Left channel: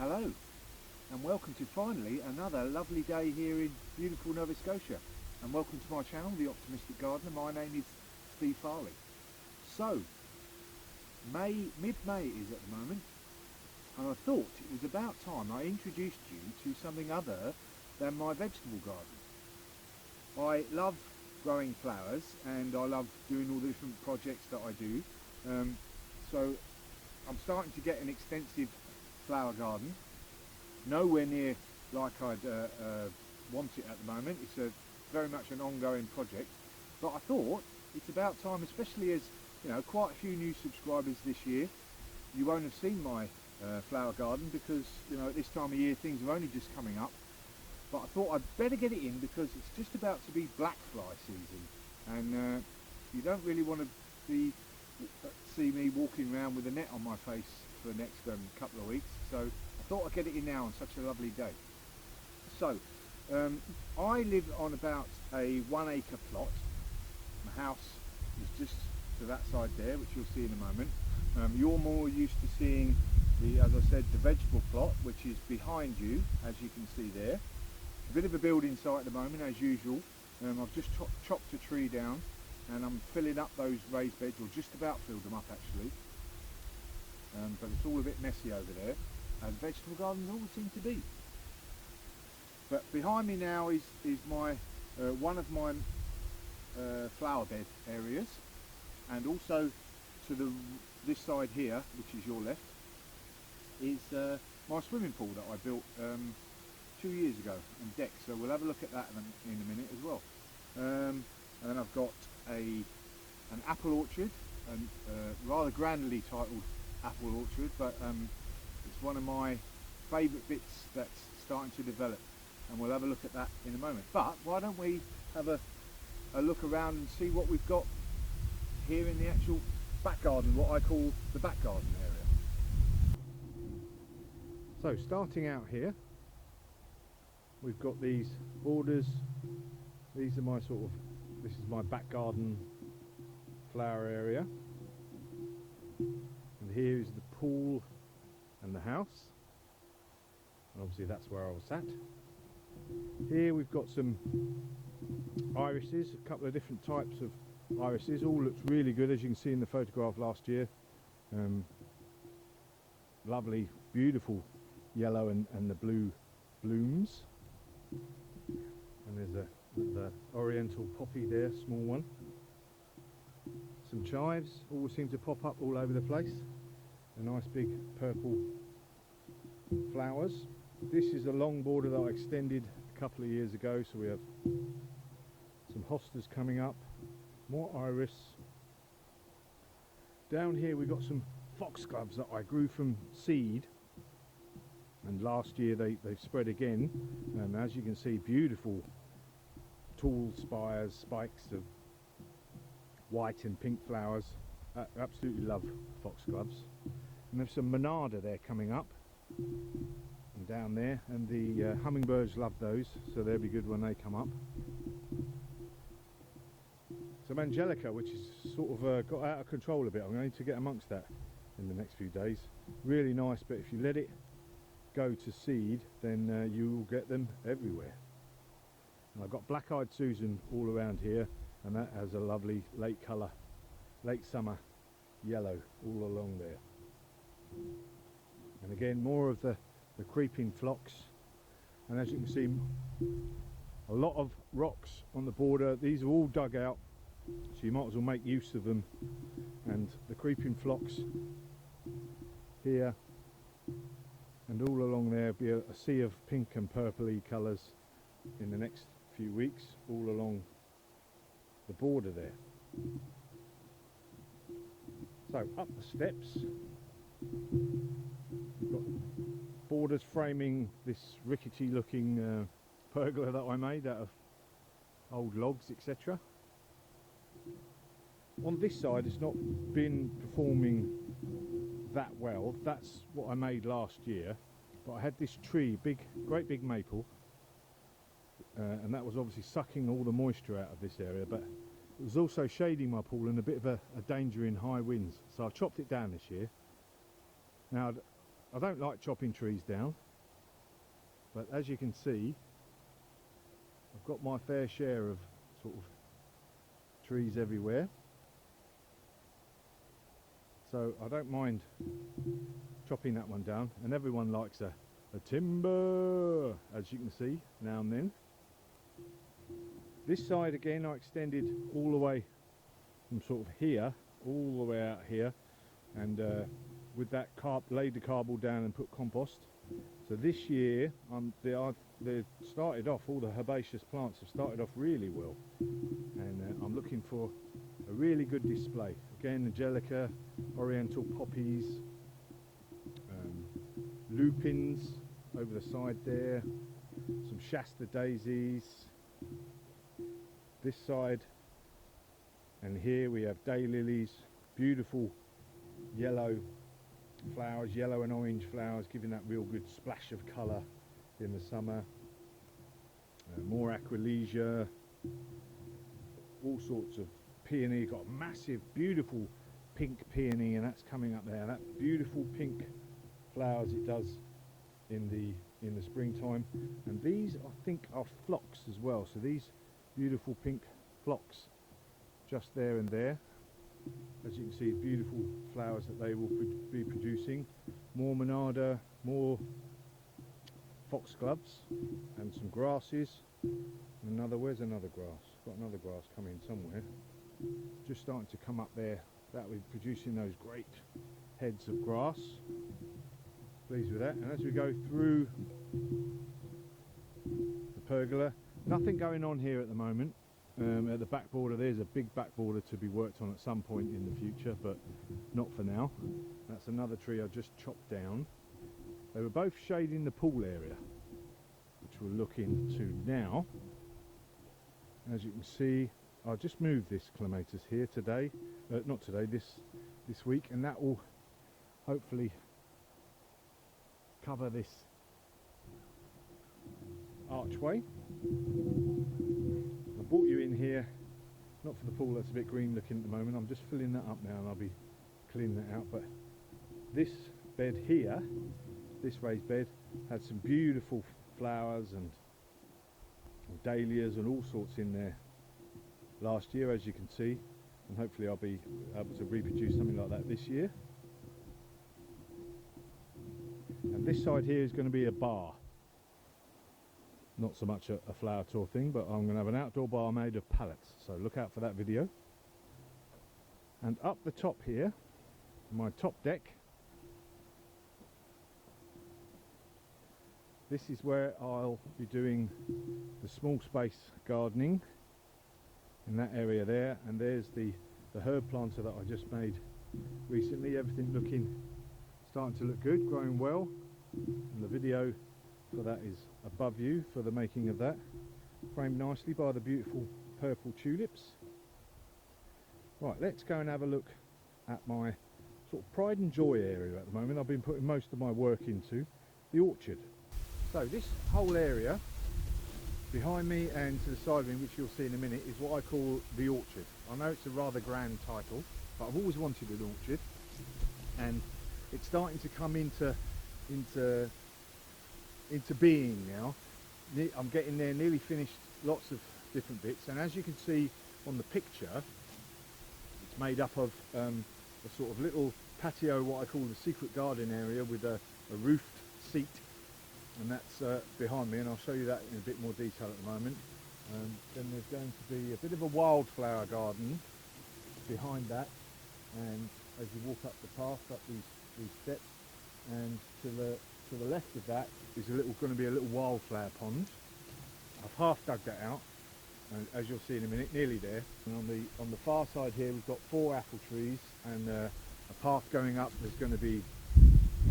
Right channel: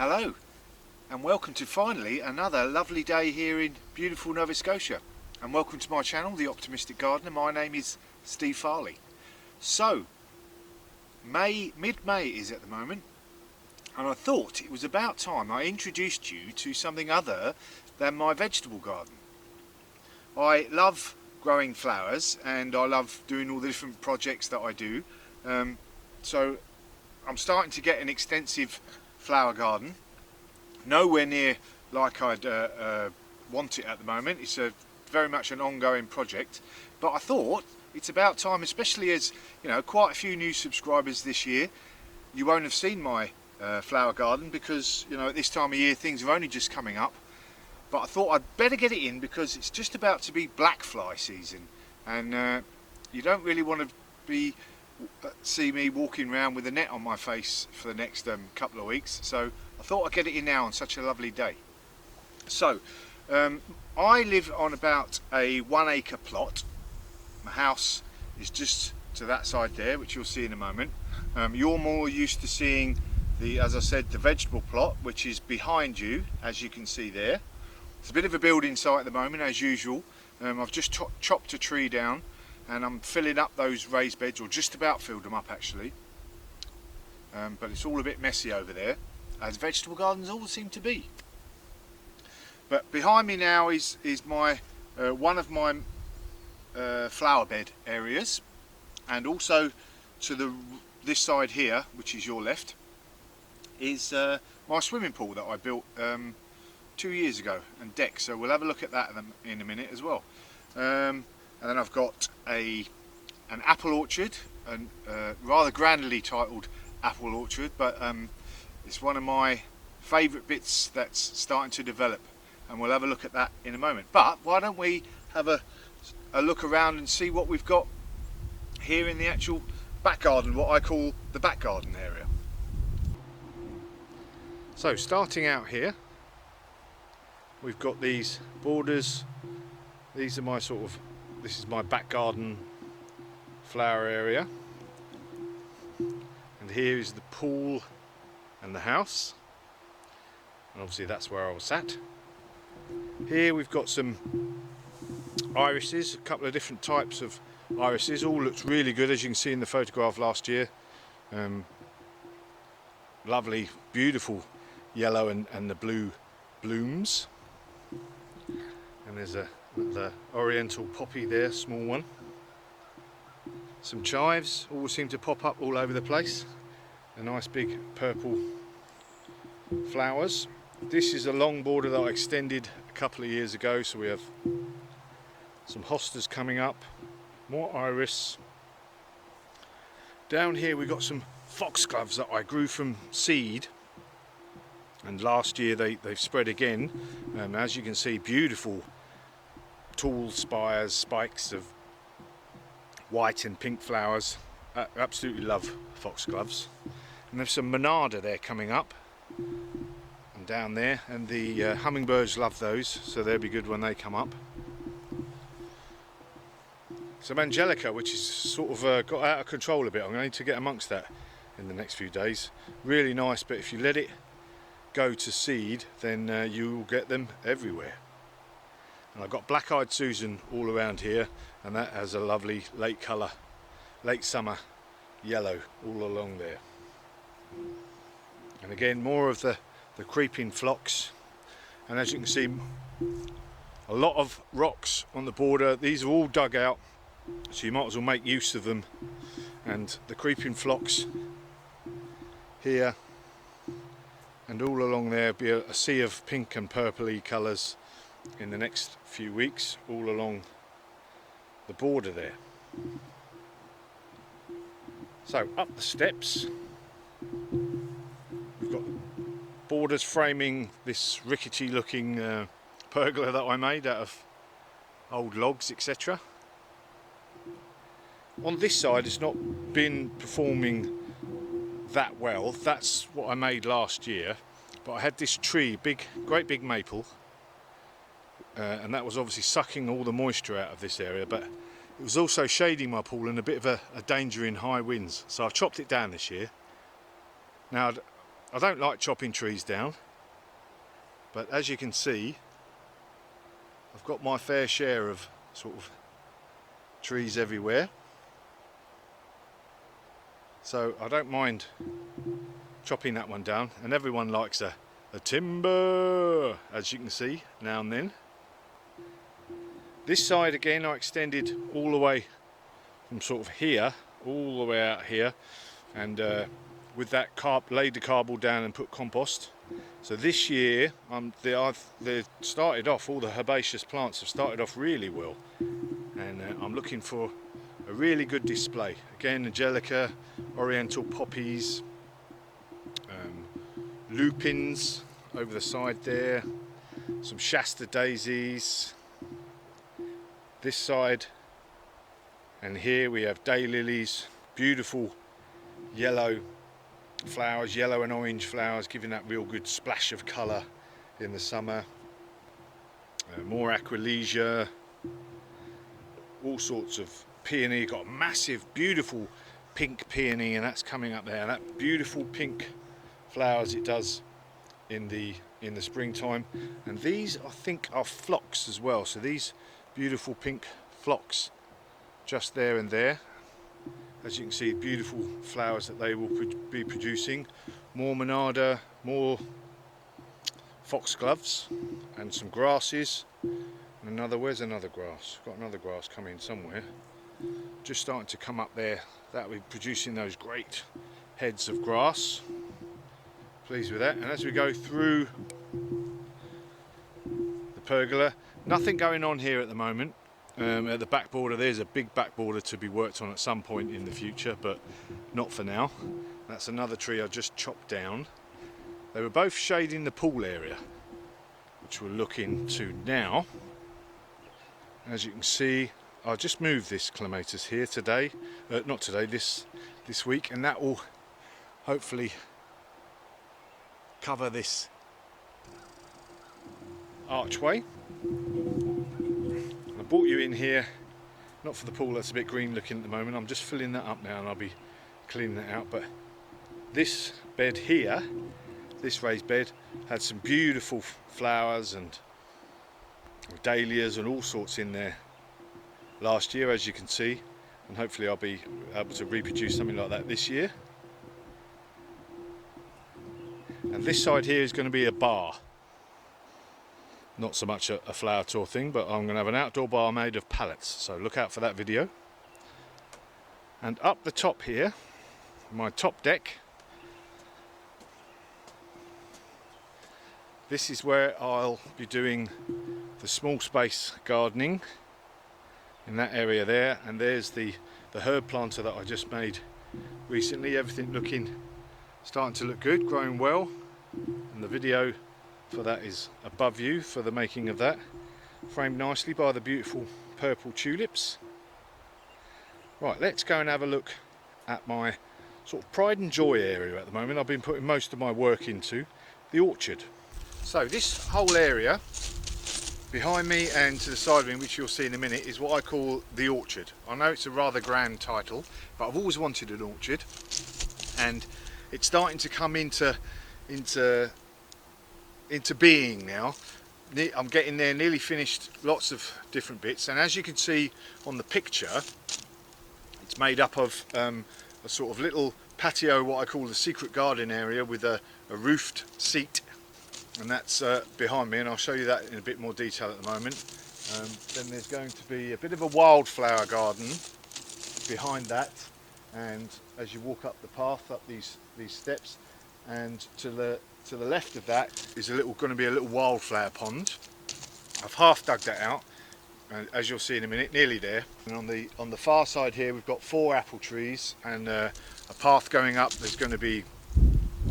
Hello and welcome to finally another lovely day here in beautiful Nova Scotia, and welcome to my channel, The Optimistic Gardener. My name is Steve Farley. So mid-May is at the moment, and I thought it was about time I introduced you to something other than my vegetable garden. I love growing flowers and I love doing all the different projects that I do, so I'm starting to get an extensive flower garden, nowhere near like I'd want it at the moment. It's very much an ongoing project, but I thought it's about time, especially as quite a few new subscribers this year. You won't have seen my flower garden because at this time of year things are only just coming up, but I thought I'd better get it in because it's just about to be black fly season, and you don't really want to see me walking around with a net on my face for the next couple of weeks, so I thought I'd get it in now on such a lovely day. So I live on about a 1 acre plot. My house is just to that side there, which you'll see in a moment. You're more used to seeing as I said, the vegetable plot, which is behind you, as you can see there. It's a bit of a building site at the moment, as usual. I've just chopped a tree down and I'm filling up those raised beds, or just about filled them up actually, but it's all a bit messy over there, as vegetable gardens all seem to be. But behind me now is my one of my flower bed areas, and also to this side here, which is your left, is my swimming pool that I built 2 years ago, and deck, so we'll have a look at that in a minute as well. And then I've got an apple orchard, and rather grandly titled apple orchard, but it's one of my favourite bits that's starting to develop, and we'll have a look at that in a moment. But why don't we have a look around and see what we've got here in the actual back garden, what I call the back garden area. So starting out here, we've got these borders. These are this is my back garden flower area, and here is the pool and the house, and obviously that's where I was sat. Here we've got some irises, a couple of different types of irises. All looks really good, as you can see in the photograph last year. Lovely, beautiful yellow and the blue blooms. And there's the oriental poppy there, small one. Some chives all seem to pop up all over the place. A nice big purple flowers. This is a long border that I extended a couple of years ago, so we have some hostas coming up, more iris. Down here we've got some foxgloves that I grew from seed, and last year they've spread again. As you can see, beautiful tall spikes of white and pink flowers. Absolutely love foxgloves. And there's some monarda there coming up and down there, and the hummingbirds love those, so they'll be good when they come up. Some angelica, which is sort of got out of control a bit. I'm going to need to get amongst that in the next few days. Really nice, but if you let it go to seed, then you will get them everywhere. And I've got black-eyed Susan all around here, and that has a lovely late colour, late summer yellow all along there. And again, more of the creeping phlox, and as you can see, a lot of rocks on the border. These are all dug out, so you might as well make use of them. And the creeping phlox here, and all along there be a sea of pink and purpley colours in the next few weeks, all along the border there. So up the steps, we've got borders framing this rickety looking pergola that I made out of old logs, etc. On this side it's not been performing that well. That's what I made last year, but I had this tree, great big maple, and that was obviously sucking all the moisture out of this area, but it was also shading my pool and a bit of a danger in high winds, so I've chopped it down this year. Now I don't like chopping trees down, but as you can see, I've got my fair share of sort of trees everywhere. So I don't mind chopping that one down, and everyone likes a timber, as you can see, now and then. This side again I extended all the way from sort of here, all the way out here, and with that laid the cardboard down and put compost. So this year they started off, all the herbaceous plants have started off really well, and I'm looking for a really good display. Again, Angelica, oriental poppies, lupins over the side there, some Shasta daisies this side, and here we have daylilies, beautiful yellow flowers, yellow and orange flowers, giving that real good splash of colour in the summer. More aquilegia, all sorts of peony. Got a massive beautiful pink peony, and that's coming up there. That beautiful pink flowers it does in the springtime. And these I think are phlox as well, so these beautiful pink phlox just there and there. As you can see, beautiful flowers that they will be producing. More monarda, more foxgloves, and some grasses. And where's another grass? Got another grass coming somewhere. Just starting to come up there. That will be producing those great heads of grass. Pleased with that. And as we go through the pergola, nothing going on here at the moment. At the back border, there's a big back border to be worked on at some point in the future, but not for now. That's another tree I just chopped down. They were both shading the pool area, which we're looking to now. As you can see, I just moved this clematis here today, not today, this week, and that will hopefully cover this archway. I brought you in here, not for the pool, that's a bit green looking at the moment. I'm just filling that up now and I'll be cleaning that out. But this bed here, this raised bed, had some beautiful flowers and dahlias and all sorts in there last year, as you can see, and hopefully I'll be able to reproduce something like that this year. And this side here is going to be a bar. Not so much a flower tour thing, but I'm going to have an outdoor bar made of pallets, so look out for that video. And up the top here, my top deck, this is where I'll be doing the small space gardening in that area there. And there's the herb planter that I just made recently. Everything starting to look good, growing well, and the video for that is above you for the making of that, framed nicely by the beautiful purple tulips. Right, let's go and have a look at my sort of pride and joy area at the moment. I've been putting most of my work into the orchard. So this whole area behind me and to the side of me, which you'll see in a minute, is what I call the orchard. I know it's a rather grand title, but I've always wanted an orchard, and it's starting to come into being now. I'm getting there, nearly finished lots of different bits, and as you can see on the picture, it's made up of a sort of little patio, what I call the secret garden area, with a roofed seat, and that's behind me, and I'll show you that in a bit more detail at the moment. Then there's going to be a bit of a wildflower garden behind that, and as you walk up the path, up these steps, and to the left of that is going to be a little wildflower pond. I've half dug that out, and as you'll see in a minute, nearly there. And on the far side here, we've got 4 apple trees and a path going up. There's going to be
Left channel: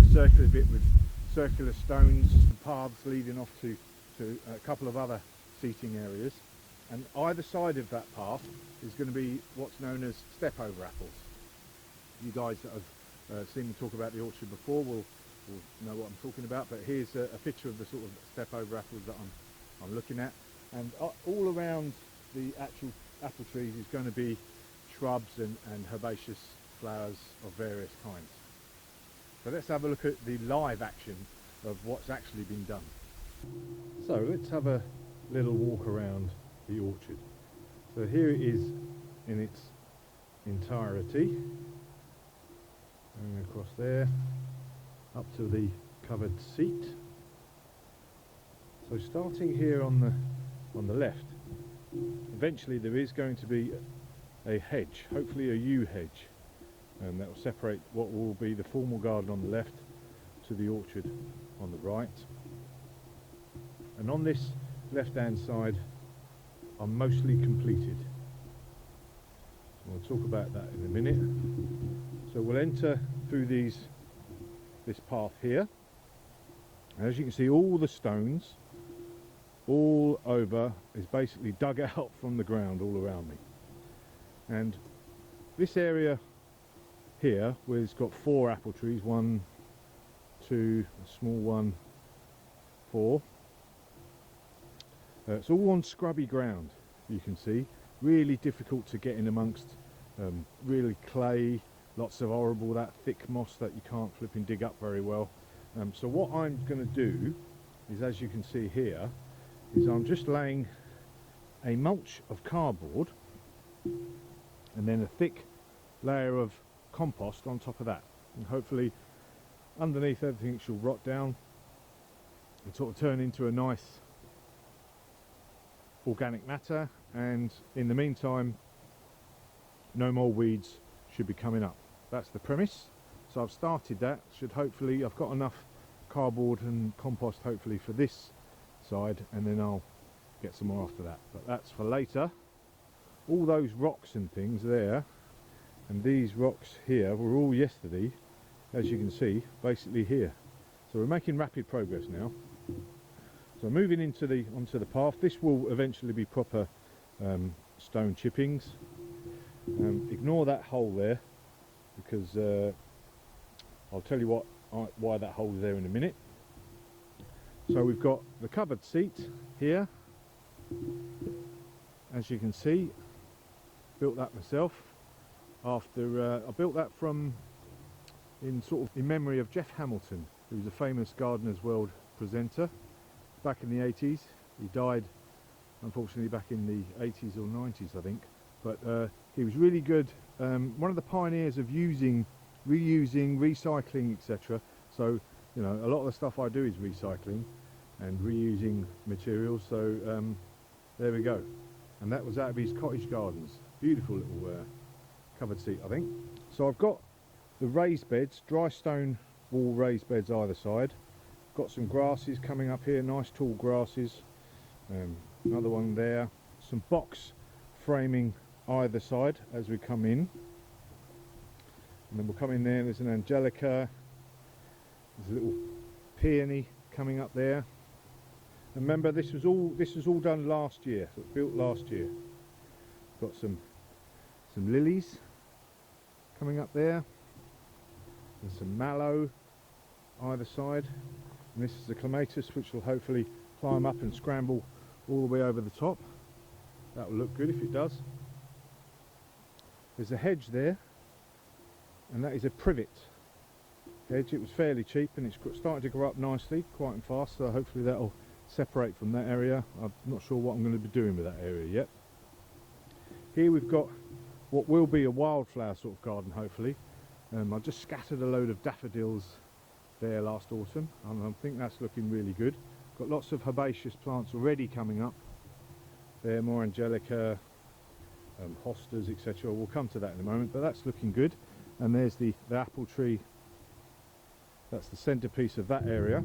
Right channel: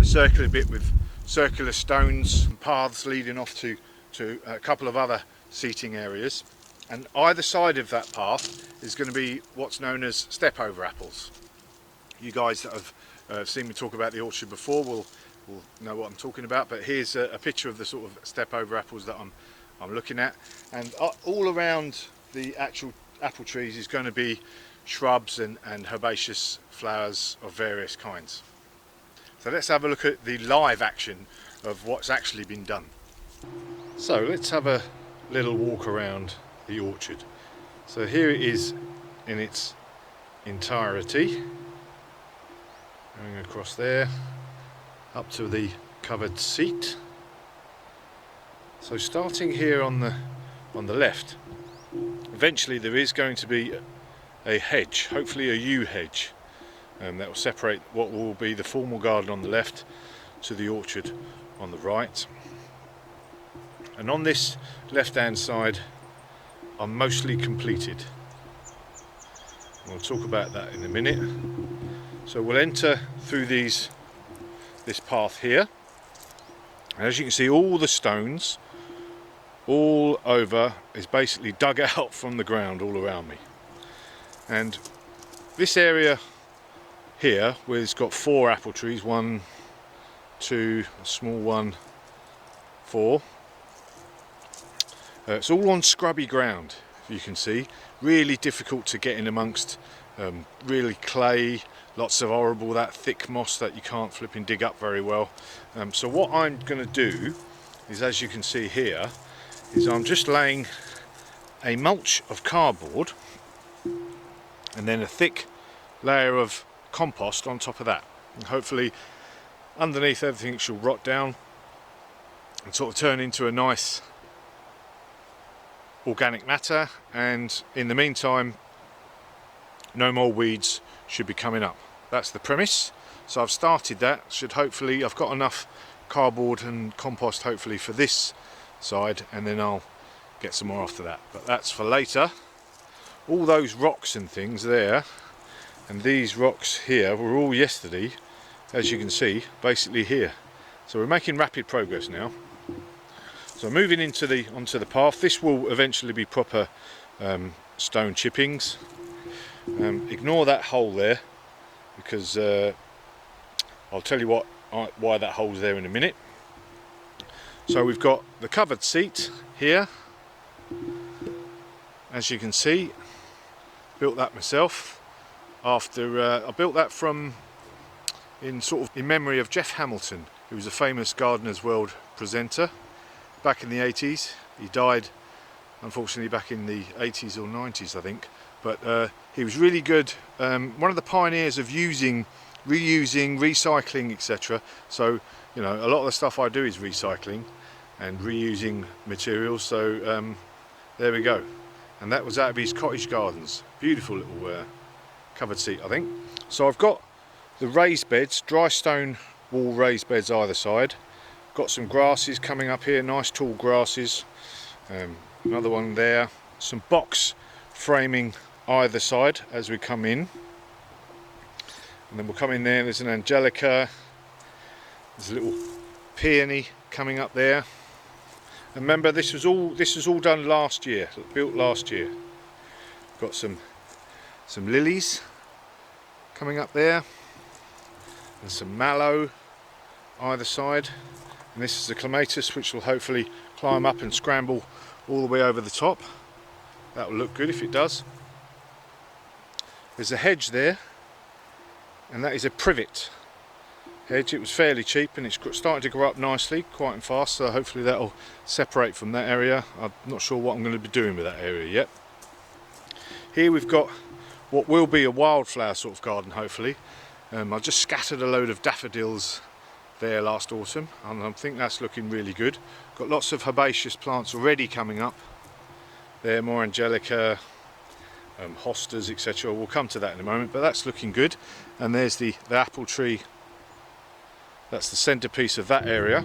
a circular bit with circular stones and paths leading off to a couple of other seating areas. And either side of that path is going to be what's known as step over apples. You guys that have seen me talk about the orchard before will know what I'm talking about, but here's a picture of the sort of step over apples that I'm looking at. And all around the actual apple trees is going to be shrubs and herbaceous flowers of various kinds. So let's have a look at the live action of what's actually been done. So let's have a little walk around the orchard. So here it is in its entirety, going across there up to the covered seat. So starting here on the left, eventually there is going to be a hedge, hopefully a yew hedge, that will separate what will be the formal garden on the left to the orchard on the right. And on this left hand side I'm mostly completed. We'll talk about that in a minute. So we'll enter through this path here, and as you can see, all the stones all over is basically dug out from the ground all around me. And this area here, where it's got 4 apple trees, 1, 2, a small one, 4, it's all on scrubby ground, you can see. Really difficult to get in amongst, really clay, lots of horrible, that thick moss that you can't flipping dig up very well. So what I'm going to do is, as you can see here, is I'm just laying a mulch of cardboard and then a thick layer of compost on top of that. And hopefully underneath everything it should rot down and sort of turn into a nice organic matter, and in the meantime no more weeds should be coming up. That's the premise. So I've started that. I've got enough cardboard and compost hopefully for this side, and then I'll get some more after that, but that's for later. All those rocks and things there, and these rocks here, were all yesterday, as you can see, basically here. So we're making rapid progress now. So moving onto the path, this will eventually be proper stone chippings. Ignore that hole there, because I'll tell you why that hole's there in a minute. So we've got the covered seat here, as you can see. Built that myself after I built that in memory of Jeff Hamilton, who was a famous Gardeners World presenter back in the 80s. He died unfortunately back in the 80s or 90s, I think, but he was really good, one of the pioneers of reusing, recycling, etc. So, you know, a lot of the stuff I do is recycling and reusing materials. So there we go. And that was out of his cottage gardens. Beautiful little covered seat, I think. So I've got the raised beds, dry stone wall raised beds either side. Got some grasses coming up here, nice tall grasses. Another one there. Some box framing either side as we come in. And then we'll come in there, there's an angelica. There's a little peony coming up there. And remember, this was all done last year, built last year. Got some lilies coming up there, and some mallow either side. And this is the clematis, which will hopefully climb up and scramble all the way over the top. That will look good if it does. There's a hedge there, and that is a privet hedge. It was fairly cheap, and it's starting to grow up nicely, quite and fast, so hopefully that'll separate from that area. I'm not sure what I'm going to be doing with that area yet. Here we've got what will be a wildflower sort of garden, hopefully. I just scattered a load of daffodils there last autumn, and I think that's looking really good. Got lots of herbaceous plants already coming up there, more angelica, hostas, etc. We'll come to that in a moment, but that's looking good. And there's the apple tree. That's the centerpiece of that area.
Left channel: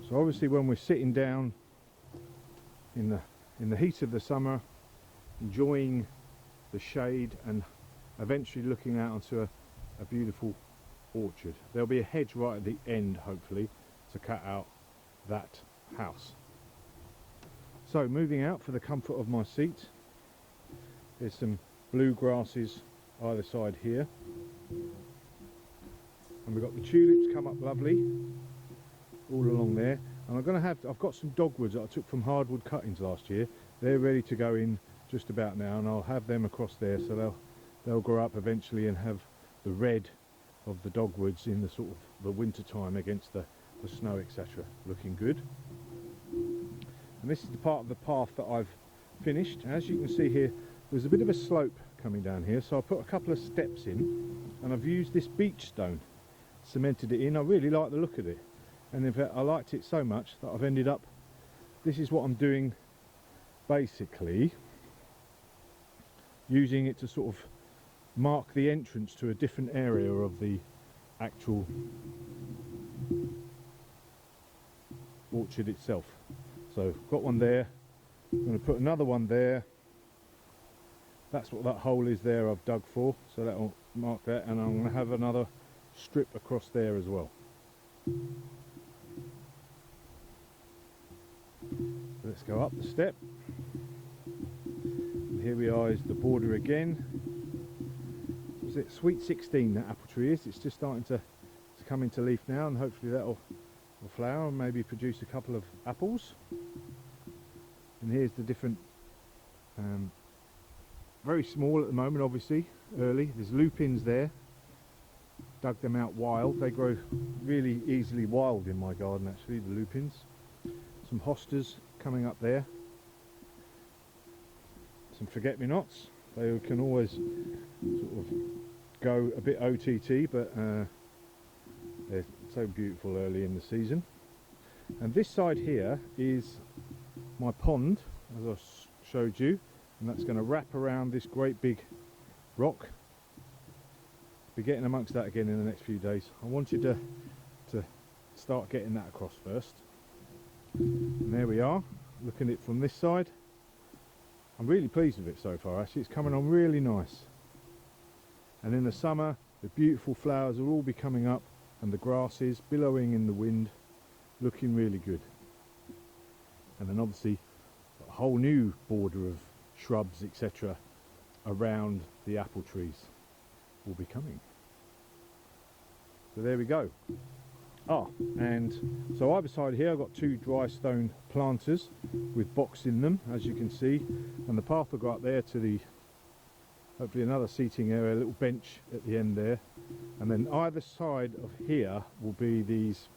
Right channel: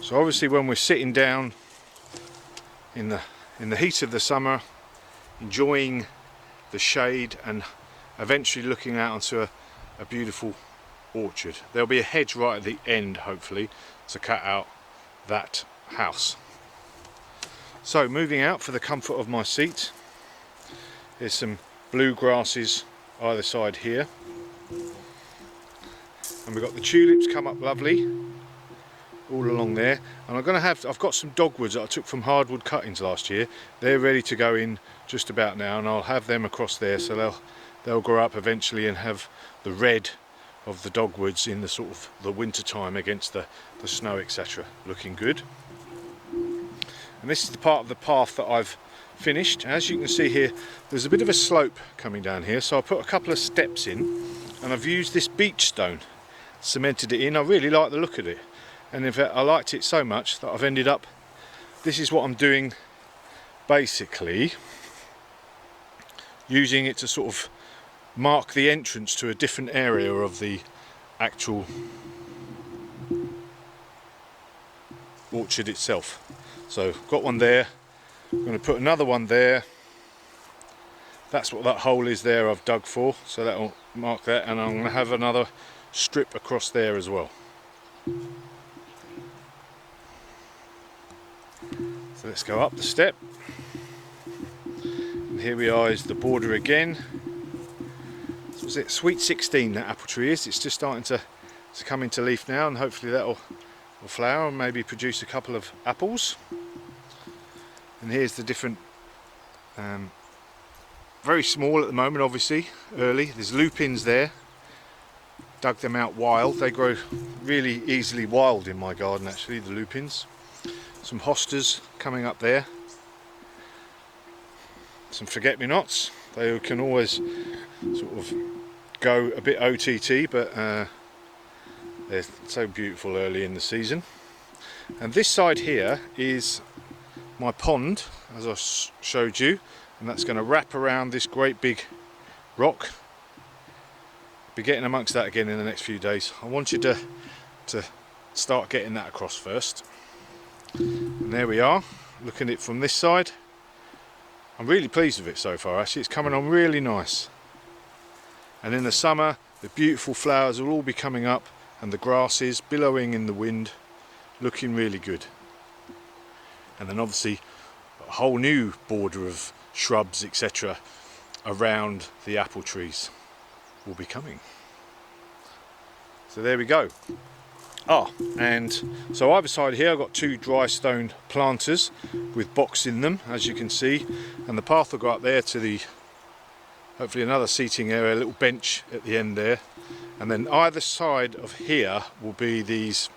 So obviously when we're sitting down in the heat of the summer, enjoying the shade and eventually looking out onto a beautiful orchard, there'll be a hedge right at the end, hopefully, to cut out that house. So moving out for the comfort of my seat, there's some blue grasses either side here, and we've got the tulips come up lovely all along there. And I've got some dogwoods that I took from hardwood cuttings last year. They're ready to go in just about now, and I'll have them across there, so they'll grow up eventually and have the red of the dogwoods in the sort of the winter time against the snow, etc. Looking good. And this is the part of the path that I've finished. As you can see here, there's a bit of a slope coming down here, so I put a couple of steps in and I've used this beach stone, cemented it in. I really like the look of it, and in fact I liked it so much that I've ended up, this is what I'm doing, basically using it to sort of mark the entrance to a different area of the actual orchard itself. So got one there, I'm going to put another one there. That's what that hole is there I've dug for, so that'll mark that, and I'm going to have another strip across there as well. So let's go up the step, and here we are, is the border again. So was it Sweet 16 that apple tree is? It's just starting to come into leaf now, and hopefully that'll flower and maybe produce a couple of apples. And here's the different, very small at the moment, obviously, early. There's lupins there, dug them out wild. They grow really easily wild in my garden, actually, the lupins. Some hostas coming up there. Some forget-me-nots. They can always sort of go a bit OTT, but they're so beautiful early in the season. And this side here is my pond, as I showed you, and that's going to wrap around this great big rock. Be getting amongst that again in the next few days. I want you to start getting that across first. And there we are, looking at it from this side. I'm really pleased with it so far, actually. It's coming on really nice. And in the summer, the beautiful flowers will all be coming up, and the grasses billowing in the wind, looking really good. And then obviously a whole new border of shrubs, etc. around the apple trees will be coming. So there we go. And so either side here I've got two dry stone planters with box in them, as you can see, and the path will go up there to the, hopefully another seating area, a little bench at the end there. And then either side of here will be these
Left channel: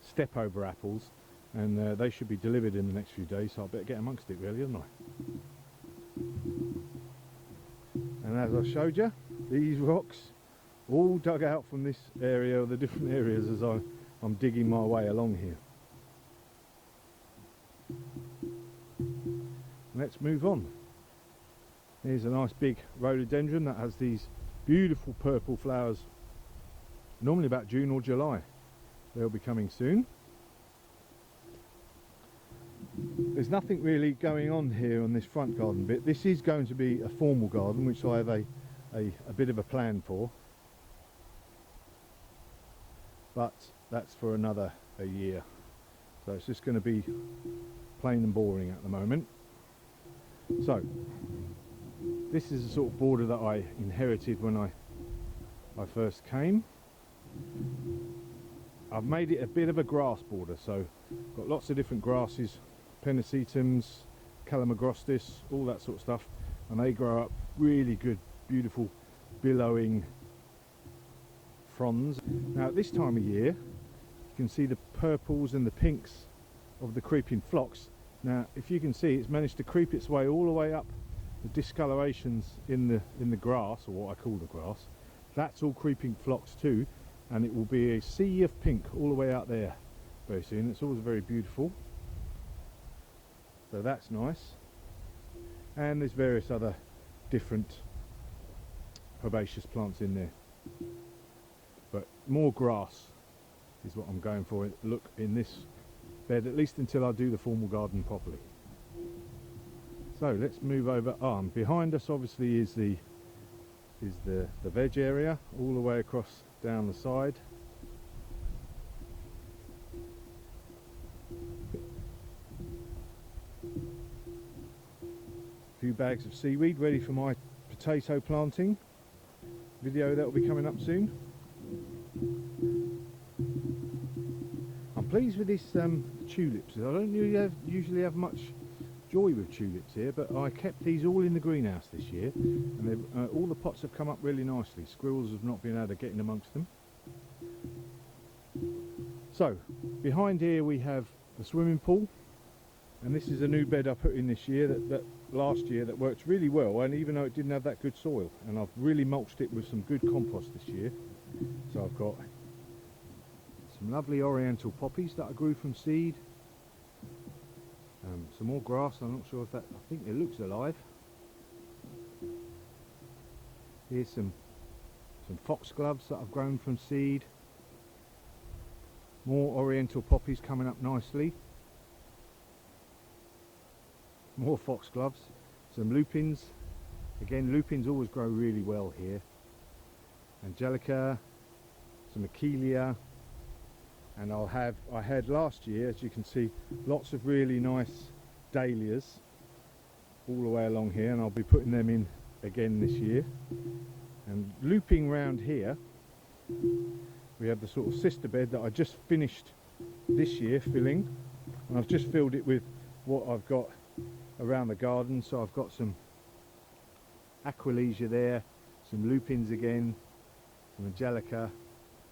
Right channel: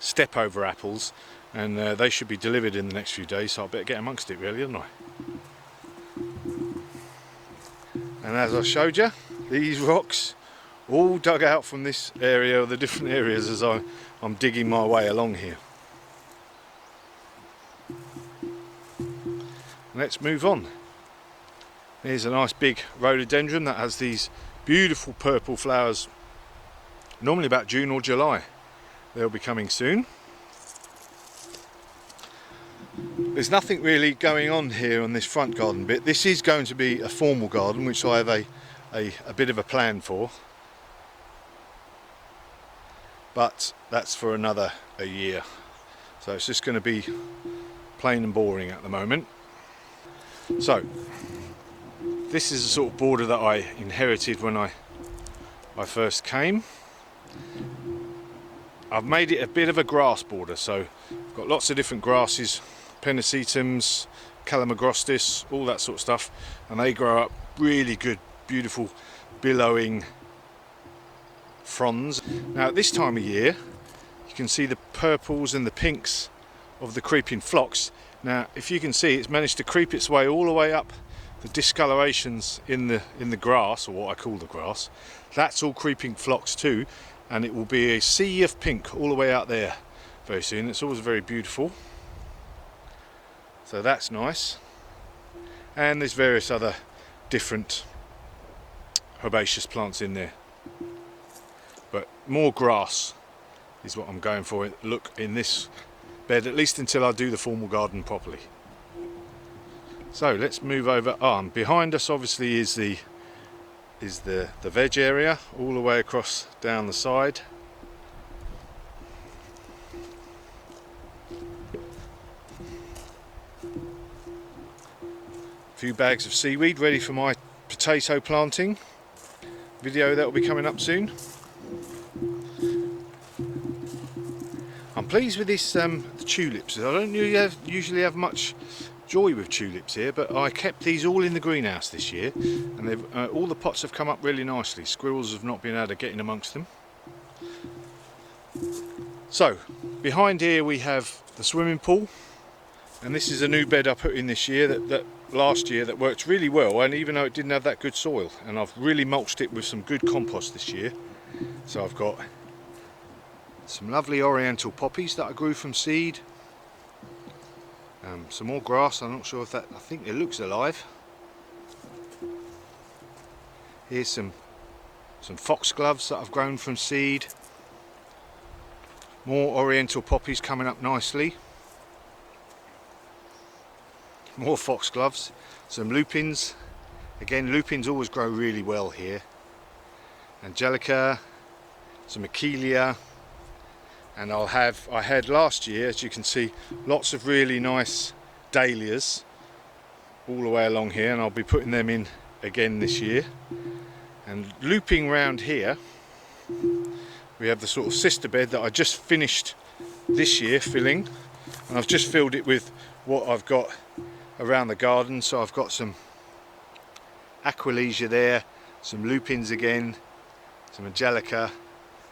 step over apples, and they should be delivered in the next few days, so I better get amongst it really, don't I? And as I showed you, these rocks all dug out from this area, or the different areas, as I'm digging my way along here. Let's move on. Here's a nice big rhododendron that has these beautiful purple flowers, normally about June or July. They'll be coming soon. There's nothing really going on here on this front garden bit. This is going to be a formal garden, which I have a bit of a plan for, but that's for another year. So it's just going to be plain and boring at the moment. So this is the sort of border that I inherited when I first came. I've made it a bit of a grass border, so I've got lots of different grasses, pennisetums, calamagrostis, all that sort of stuff, and they grow up really good, beautiful, billowing fronds. Now at this time of year, you can see the purples and the pinks of the creeping phlox. Now if you can see, it's managed to creep its way all the way up the discolorations in the grass, or what I call the grass. That's all creeping phlox too, and it will be a sea of pink all the way out there very soon. It's always very beautiful. So that's nice. And there's various other different herbaceous plants in there. But more grass is what I'm going for. Look, in this bed, at least until I do the formal garden properly. So let's move over. And behind us obviously is the veg area, all the way across down the side. A few bags of seaweed ready for my potato planting video that will be coming up soon. I'm pleased with this the tulips. I don't usually have much joy with tulips here, but I kept these all in the greenhouse this year, and they've all the pots have come up really nicely. Squirrels have not been able to get in amongst them. So behind here we have the swimming pool, and this is a new bed I put in this year that last year that worked really well, and even though it didn't have that good soil, and I've really mulched it with some good compost this year. So I've got some lovely oriental poppies that I grew from seed, some more grass. I'm not sure if that, I think it looks alive. Here's some foxgloves that I've grown from seed. More oriental poppies coming up nicely. More foxgloves, some lupins. Again, lupins always grow really well here. Angelica, some Achillea, and I had last year, as you can see, lots of really nice dahlias all the way along here, and I'll be putting them in again this year. And looping round here, we have the sort of sister bed that I just finished this year filling, and I've just filled it with what I've got around the garden. So I've got some Aquilegia there, some lupins again, some Angelica,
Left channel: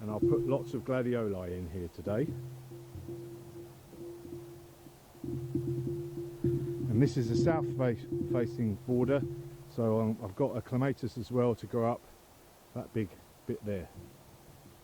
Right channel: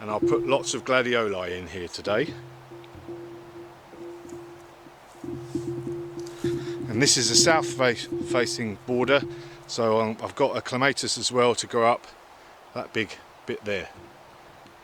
and I'll put lots of gladioli in here today. And this is a south facing border, so I've got a clematis as well to go up that big bit there.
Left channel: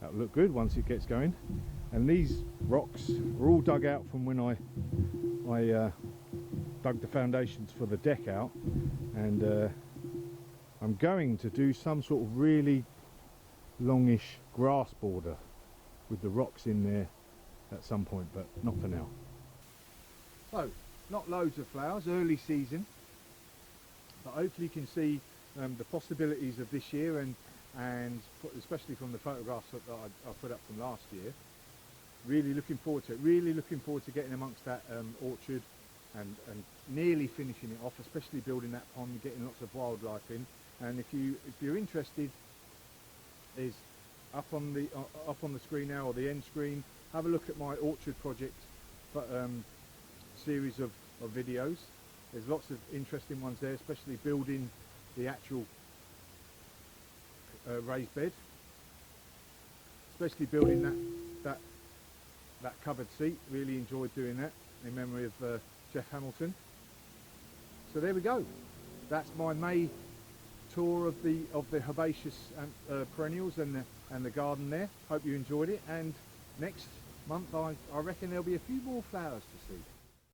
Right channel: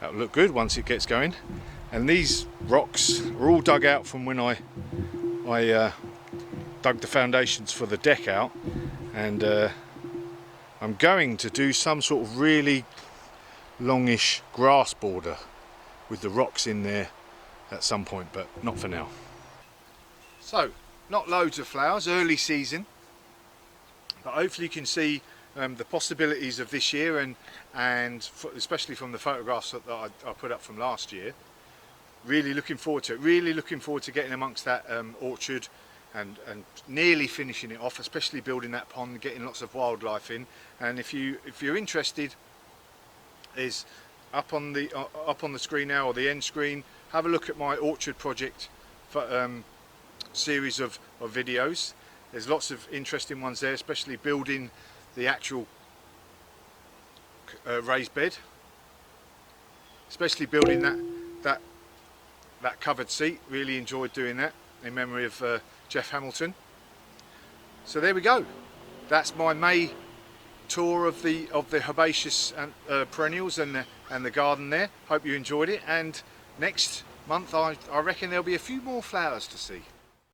That'll look good once it gets going. And these rocks are all dug out from when I dug the foundations for the deck out, and I'm going to do some sort of really longish grass border with the rocks in there at some point, but not for now. So, not loads of flowers, early season, but hopefully you can see the possibilities of this year, and especially from the photographs that I put up from last year. Really looking forward to it, really looking forward to getting amongst that orchard and nearly finishing it off, especially building that pond, getting lots of wildlife in. And if you're interested, is up on the screen now, or the end screen, have a look at my orchard project series of videos. There's lots of interesting ones there, especially building the actual raised bed, especially building that covered seat. Really enjoyed doing that in memory of Jeff Hamilton. So there we go. That's my May tour of the herbaceous and perennials and the garden there. Hope you enjoyed it, and next month I reckon there'll be a few more flowers to see.